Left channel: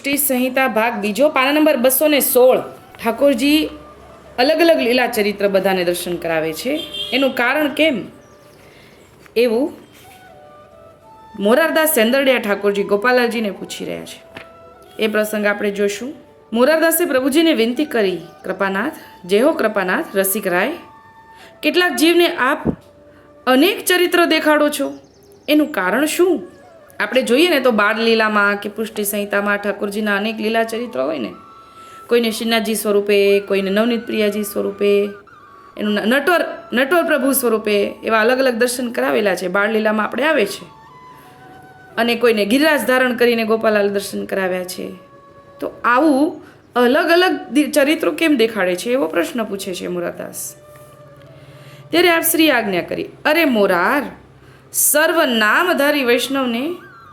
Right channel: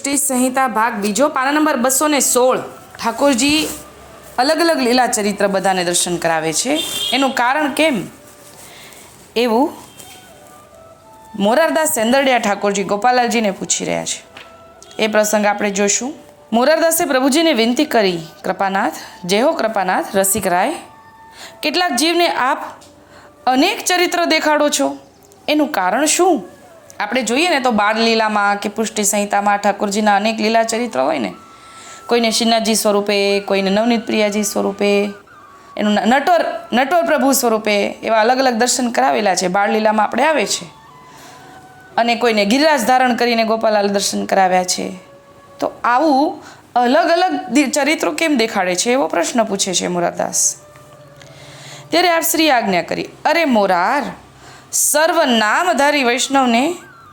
પુષ્ટિ સંહિતા ભાગ બીજો પાના નંબર બસો ને સોળ. ઠાકોરજી અલગ અલગ લીલા ચરિત્ર બધાને દર્શન કરાવે છે. એનું કારણ કેમ? એવું મોરારદાસ સેંદરડિયા ઠાકોરજી ગોપાલાલજીને પૂછી રહ્યા છે. એ પ્રસંગ આપણે જોઈશું મોરારદાસે પ્રભુજીને વિનંતી કરી, કૃપાનાથ, જય હો કૃપાનાથ, રસિક રાય. કેટલાક જીવને આપ અનેક ચરિત્ર દેખાડો છો. એનું કારણ શું? આપણે જોઈએ ને તો બાળ લીલામાં કે પુષ્ટિ સંહિતામાં ઠાકોરજીના અનેક લીલા ચરિત્ર હોય ને, કોઈને શ્રીનાથજી સ્વરૂપે, કોઈને નવનીત પ્રિયાજી સ્વરૂપે, એનું નટવર નટવર પ્રભુ સ્વરૂપે એવા અલગ અલગ દર્શન કરાવેલા છે, બાળ લીલામાં આપણે આવે છે. અને કોઈને ગિરિરાજ ધારણ કરીને ગોપાલાલ દર્શન કરાવ્યા છે. તો આવું અલગ અલગ ચરિત્રો કેમ દેખાડે છે, એવો પ્રશ્ન પૂછે છે મોરાદાસ. ત્યારે આપ શ્રી આજ્ઞા કરી, અરે મોરાર સર્વ નામધારી વૈષ્ણવને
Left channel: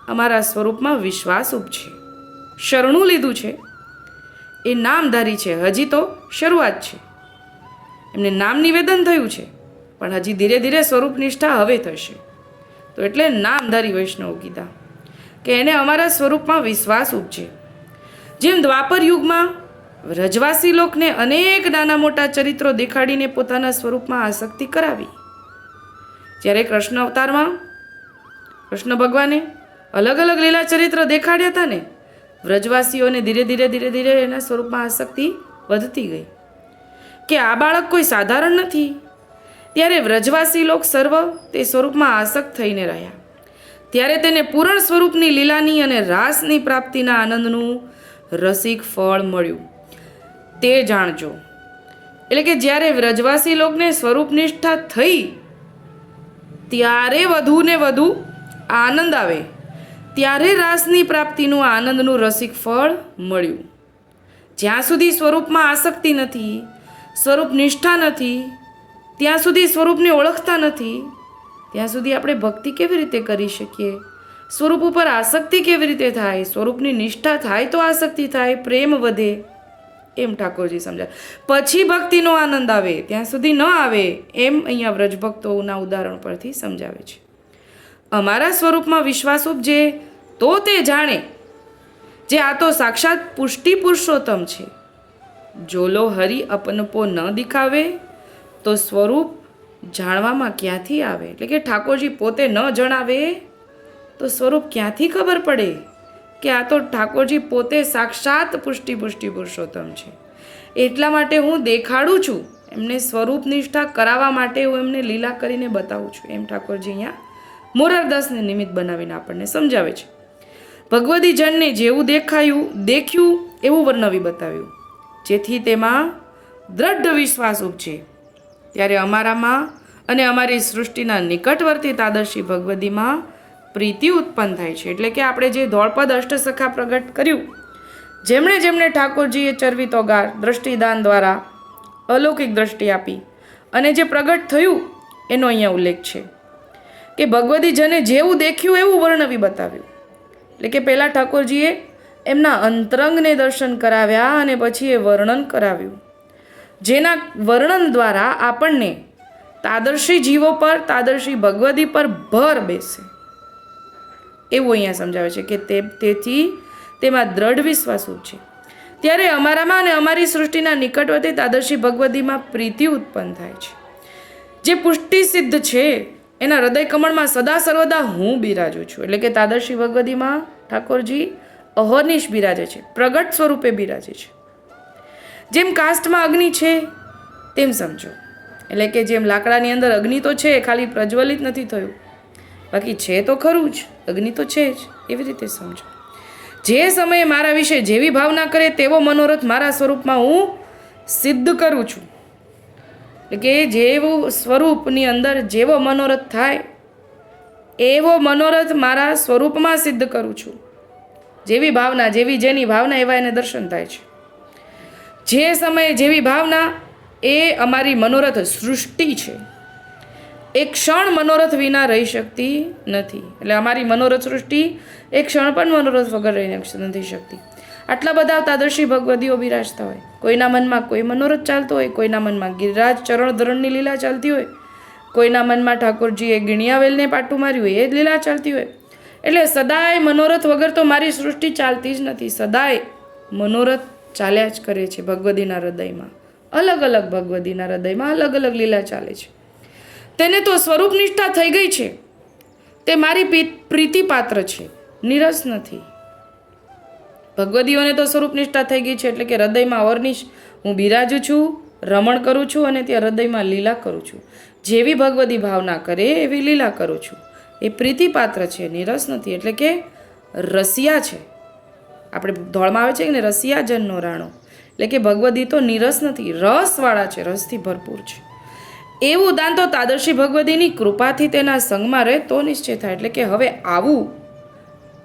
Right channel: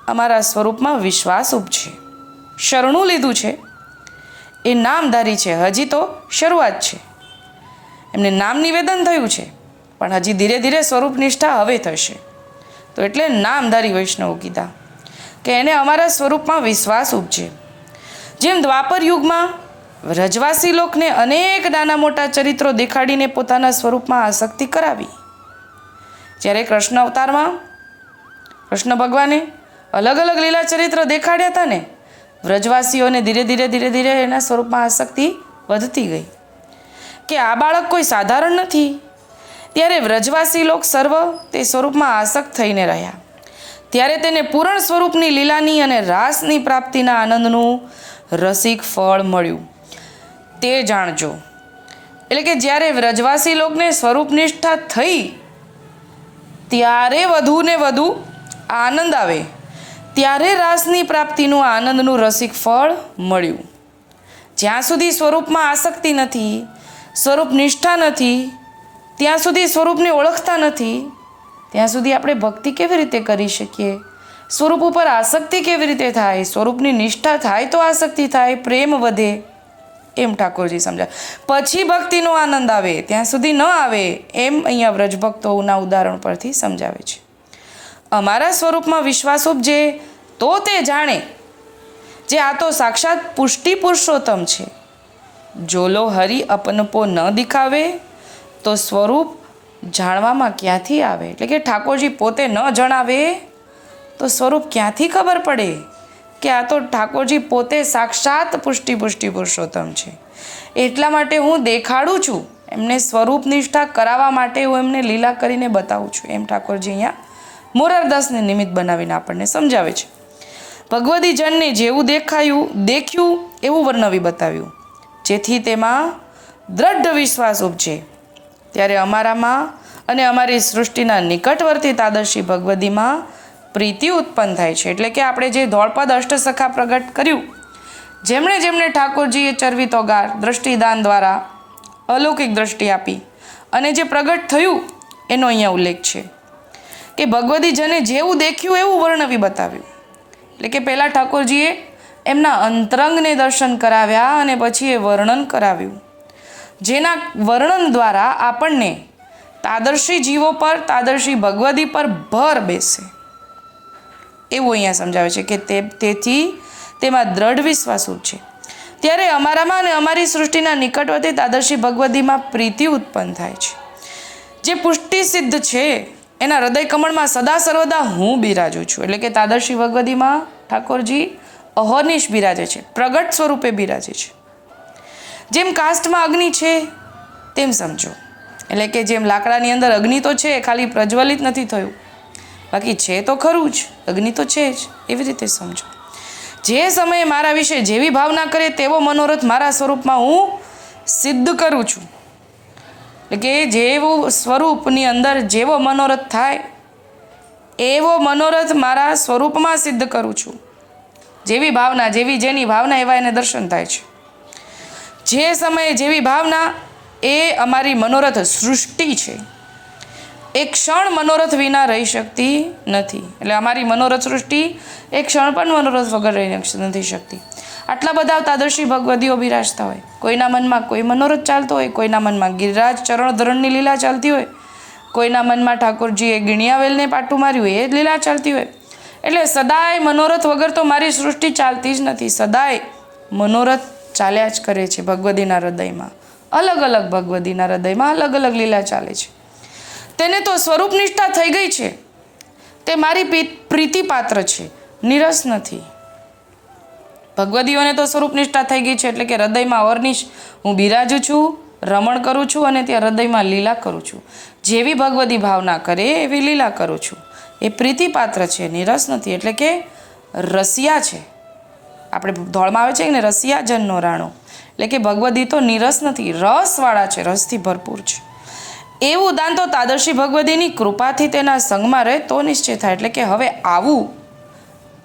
અમારા સ્વરૂપમાં વિશ્વાસ ઉપજે. શરણું લીધું છે. એ નામધારી છે. હજી તો શરૂઆત છે. એમને નામ નિવેદન થયું છે. પણ હજી ધીરે ધીરે સ્વરૂપ નિષ્ઠા હવે થશે. તો એટલે નામધારી વૈષ્ણવ કીધા કે એને અમારા સ્વરૂપમાં વિશ્વાસ ઉપજે. જેમ દ્વાપર યુગમાં વ્રજવાસી લોકને અનેક નાના મોટા ચરિત્રો દેખાડીને પોતાના સ્વરૂપમાં આસક્તિ કરાવી. જ્યારે કૃષ્ણ અવતારમાં કૃષ્ણ ભગવાને અલગ અલગ લીલા ચરિત્ર દેખાડ્યા હતા ને, વ્રજવાસીઓને ધીરે ધીરે ધીરે ધીરે એના સ્વરૂપમાં આસક્તિ વધતી ગઈ. કે આ બાળક કોઈ સાધારણ નથી? ત્યારે વ્રજવાસી લોક સર્વ તે સ્વરૂપમાં આસક્ત થઈને રહ્યા. ત્યારે તેને પૂરણ સ્વરૂપની લીલાની અને રાસની પ્રાપ્તિના આનંદનું રસિક ફળ મળ્યું. તે જાણજો. એટલે કે જ્યારે વ્રજવાસી લોકને સ્વરૂપ નિષ્ઠા થઈ, ત્યારે વધુ ને વધુ આનંદ આવે. ત્યારે રાસની પ્રાપ્તિનું આનંદનું રસિક ફળ મળ્યું. જ્યાં સુધી સ્વરૂપમાં આસક્તિ નથી, સ્વરૂપ નિષ્ઠા નથી, ત્યાં સુધી સ્વરૂપને ઓળખતા નથી, ત્યાં સુધી આપણે ભક્તિ કેવી રીતે કરી શકીએ? સ્વરૂપ ઉપર આસક્તિ કેવી રીતે થાય? સ્વરૂપની નિષ્ઠા થાય તો આસક્તિ થાય, પ્રેમ વધે એમ ઠાકોરજી સમજાવે. પછી ભક્તિનો આનંદ આવે, ત્યાં સુધી ન આવે એમ અહીંયા વ્રજભક્તોના ઉદાહરણ પરથી સમજાવે છે. અમારા સ્વરૂપમાં વિશ્વાસ ઉપજે, તો તે જાણે. જે આ તો સાક્ષાત પુષ્ટિ પુરુષોત્તમ છે. જોલો હરિ અપનપો ન દેખાવે, તો સ્વરૂપ જાણવામાં ક્યાંથી આવે? એટલે કે ઠાકોરજી પોતે ન જણાવે, તો સ્વરૂપ ક્યાંથી ખબર પડે કે આ તો ઠાકોરજી પોતે સાક્ષાત પુષ્ટિ પુષ્ટિ પુરુષોત્તમ છે? એટલા માટે હું દેખાડું છું. એમને સ્વરૂપ નિષ્ઠા કરાવવા માટે હું એમને લીલા કરીને બતાવું છું. એમ ઠાકોરજી અહીંયા મોરારદાસને નિમિત્ત બનાવીને આપણને સમજાવે છે. ભગવદી જનને જેવું દેખાયું, દેખ્યું, એવું વર્ણવી બતાવ્યું. જેથી તેમાં દ્રઢ વિશ્વાસ ઉપજે. ત્યારે અમારામાં અને અમારી સૃષ્ટિના નિકટવર્તી તાદર્શી ભગવદીમાં પ્રીતિ ઉત્પન્ન થાય છે. એટલે કે આપણે જે ધોળપદ અષ્ટસખા પ્રગટ કર્યું, જેમણે જેમણે ઠાકોરજીએ ચરવીતો ગાર દ્રષ્ટિદાન દ્વારા અલૌકિક દ્રષ્ટિ આપી અને જે પ્રગટ થયું, એનો અહીંયા ઉલ્લેખ છે. કે ભગવતી જને જેવું દેખ્યું એવું વર્ણવી બતાવ્યું. એટલે કે પહેલાં ઠાકોરજીએ એમના અંતરંગને દર્શન કરાવ્યા અને પછી એ વર્ણન કરાવ્યું. જેના વર્ણન દ્વારા આપણને તાદર્શી જીવો પર, તાદર્શી ભગવદી પર ભર બેસે. એવું અહીંયા સમજાવે છે કે તે, તેથી તેમાં દ્રઢ વિશ્વાસ છે. ત્યારે અમારામાં અને અમારી સૃષ્ટિના નિકટવર્તી તાદર્શી ભગવદીમાં પ્રીતિ ઉત્પન્ન થાય છે. જે પુષ્ટિ સિદ્ધ છે એના હૃદય કમળમાં સદા સર્વદા હું બિરાજું છું. એટલે કે તાદર્શી ભગવદીમાં ઠાકોરજી અહર્નિશ બિરાજે છે, પ્રગટ સ્વરૂપે બિરાજે છે. જેમ કાસ્ટમાં અગ્નિ છે, તેમ સમજો. એટલે કે જેમ લાકડાની અંદર અગ્નિ તો છે, ખાલી પ્રજ્વલિત નથી થયું. બાકી છે તો ખરું જ, અગ્નિ તો છે જ, એવી રીતે સમજો. જે સમયે મારા વિશે જેવી ભાવના કરે તેવો મનોરથ મારા સ્વરૂપમાં હું સિદ્ધ કરું છું. એટલે કે જેવું સ્વરૂપની અંદર જેવો મનોરથ થાય, એવો મનોરથ મારા સ્વરૂપમાં સિદ્ધ કરું છું. જેવી ભાવના, જેવી જેની ભાવના એવા એને દર્શન થાય છે. જે સમયે જેવી ભાવના, એ અમારી મનોરથ સૃષ્ટિ છે. એક ક્ષણ મનોરથ વિના રહી શકતી નથી. એટલે અમારી મનોરથ સૃષ્ટિ એક ક્ષણ પણ મનોરથ વગર રહી નથી શકતી. આટલા બધા તાદર્શી ભગવદીઓ બિરાજતા હોય. કોઈના મનમાં કોઈ મનોરથ ચાલતો હોય, કોઈના મનમાં ગિરિરાજ ચરણ ધરણની લીલા ચાલતી હોય, કોઈના મનમાં ઠાકોરજીએ ગિણિયાવેલને પાટું માર્યું એ જ લીલા ચાલતી હોય. એટલે સદાય મનોરથ વગર તો મારી સૃષ્ટિ ચાલતી જ નથી. સદાય મનોરથ ચાલ્યા જ કરે છે ભગવદીના હૃદયમાં. અલગ અલગ ભગવદીના હૃદયમાં અલગ અલગ લીલા ચાલે છે. તેને તો સ્વરૂપ નિષ્ઠા થઈ ગઈ છે. તે મારી પ્રીતિપાત્ર છે. નિરસ નથી. ભગવદીઓને તો સ્વરૂપ નિષ્ઠા થઈ ગઈ છે એટલે કે હૃદયમાં અવર્નિશ. હું બિરાજું છું, રમણ કરું છું અને ત્યાં હૃદયમાં લીલા કરું છું. જેવી ભગવદી ભાવના કરે, એવી લીલા કરું છું. એ પ્રીતિપાત્ર છે, નિરસ નથી, એટલે કે રસિયા છે. આપણે ધોળમાં આવે છે ને રસિયા જનનો રાણો. એટલે કે ભગવદી તો નિરસ નથી, રસવાળા છે, રસથી ભરપૂર છે. એવું દાન તો તાદર્શી ભગવદીની કૃપાથી તેના સંગમાં રહે તો નિશ્ચય થાય. એટલે કે હવે આવું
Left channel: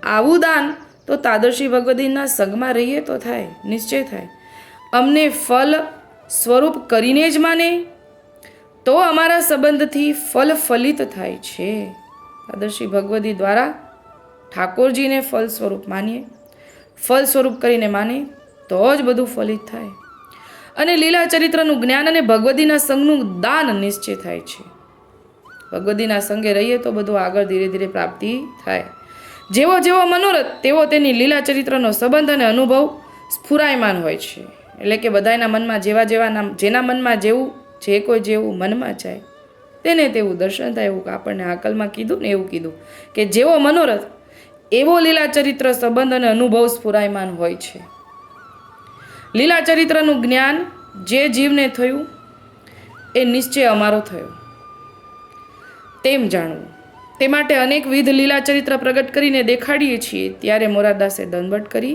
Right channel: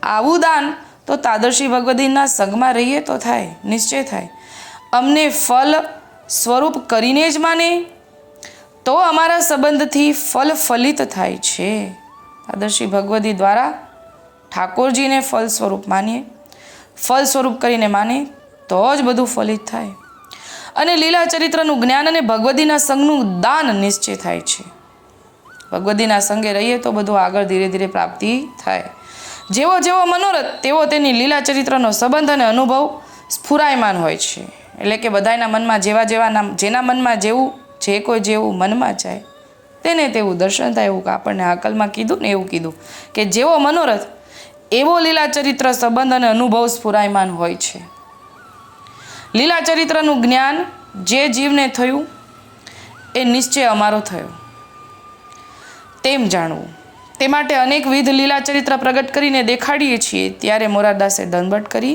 આવું દાન તો તાદર્શી ભગવદીના સંગમાં રહીએ તો થાય, નિશ્ચય થાય. અમને ફલ સ્વરૂપ કરીને જ માને, તો અમારા સંબંધથી ફલ ફલિત થાય છે. તાદર્શી ભગવદી દ્વારા ઠાકોરજીને ફલ સ્વરૂપ માનીએ. ફલ સ્વરૂપ કરીને માને, તો જ બધું ફલિત થાય. અને લીલા ચરિત્રનું જ્ઞાન અને ભગવદીના સંગનું દાન નિશ્ચય થાય છે. ભગવદીના સંગે રહીએ તો બધું આગળ ધીરે ધીરે પ્રાપ્તિ થાય. જેવો જેવો મનોરથ, તેવો તેની લીલા ચરિત્રનો સંબંધ અને અનુભવ સ્ફુરાયમાન હોય છે. એટલે કે બધાના મનમાં જેવા જેવાના, જેના મનમાં જેવું, જે કોઈ જેવું મનમાં જાય, તેને તેવું દર્શન થાય એવું આપણને આકલમાં કીધું ને એવું કીધું કે જેવો મનોરથ, એવો લીલા ચરિત્ર સંબંધ અને અનુભવ સ્ફુરાયમાન હોય છે. લીલા ચરિત્રનું જ્ઞાન જે જીવને થયું, એ નિશ્ચય અમારો થયો. તેમ જાણવું. તે માટે અનેકવિધ લીલા ચરિત્ર પ્રગટ કરીને દેખાડીએ છીએ. ત્યારે મોરારદાસે દંડવટ કરી,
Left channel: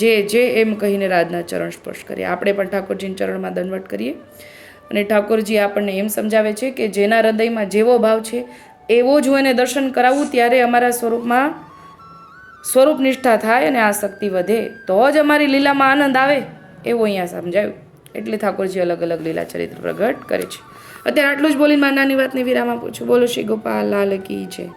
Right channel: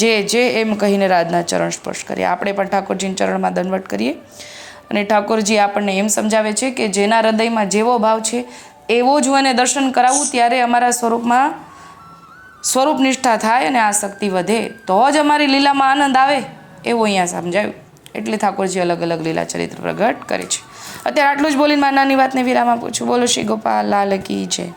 જે જે એમ કહીને રાજના ચરણ સ્પર્શ કરીએ આપણે પણ ઠાકોરજીના ચરણમાં દંડવટ કરીએ. અને ઠાકોરજી આપણને એમ સમજાવે છે કે જેના હૃદયમાં જેવો ભાવ છે, એવો જ હું એને દર્શન કરાવું ત્યારે અમારા સ્વરૂપમાં સ્વરૂપ નિષ્ઠા થાય અને આ શક્તિ વધે. તો જ અમારી લીલામાં આનંદ આવે, એવું અહીંયા સમજાયું. એટલે ઠાકોરજી અલગ અલગ લીલા ચરિત્ર પ્રગટ કરે છે. અત્યારે આટલું જ બોલીને મારી નાની વાતને વિરામ આપું છું. બોલો શ્રી ગોપાલ, લાલ કી જય.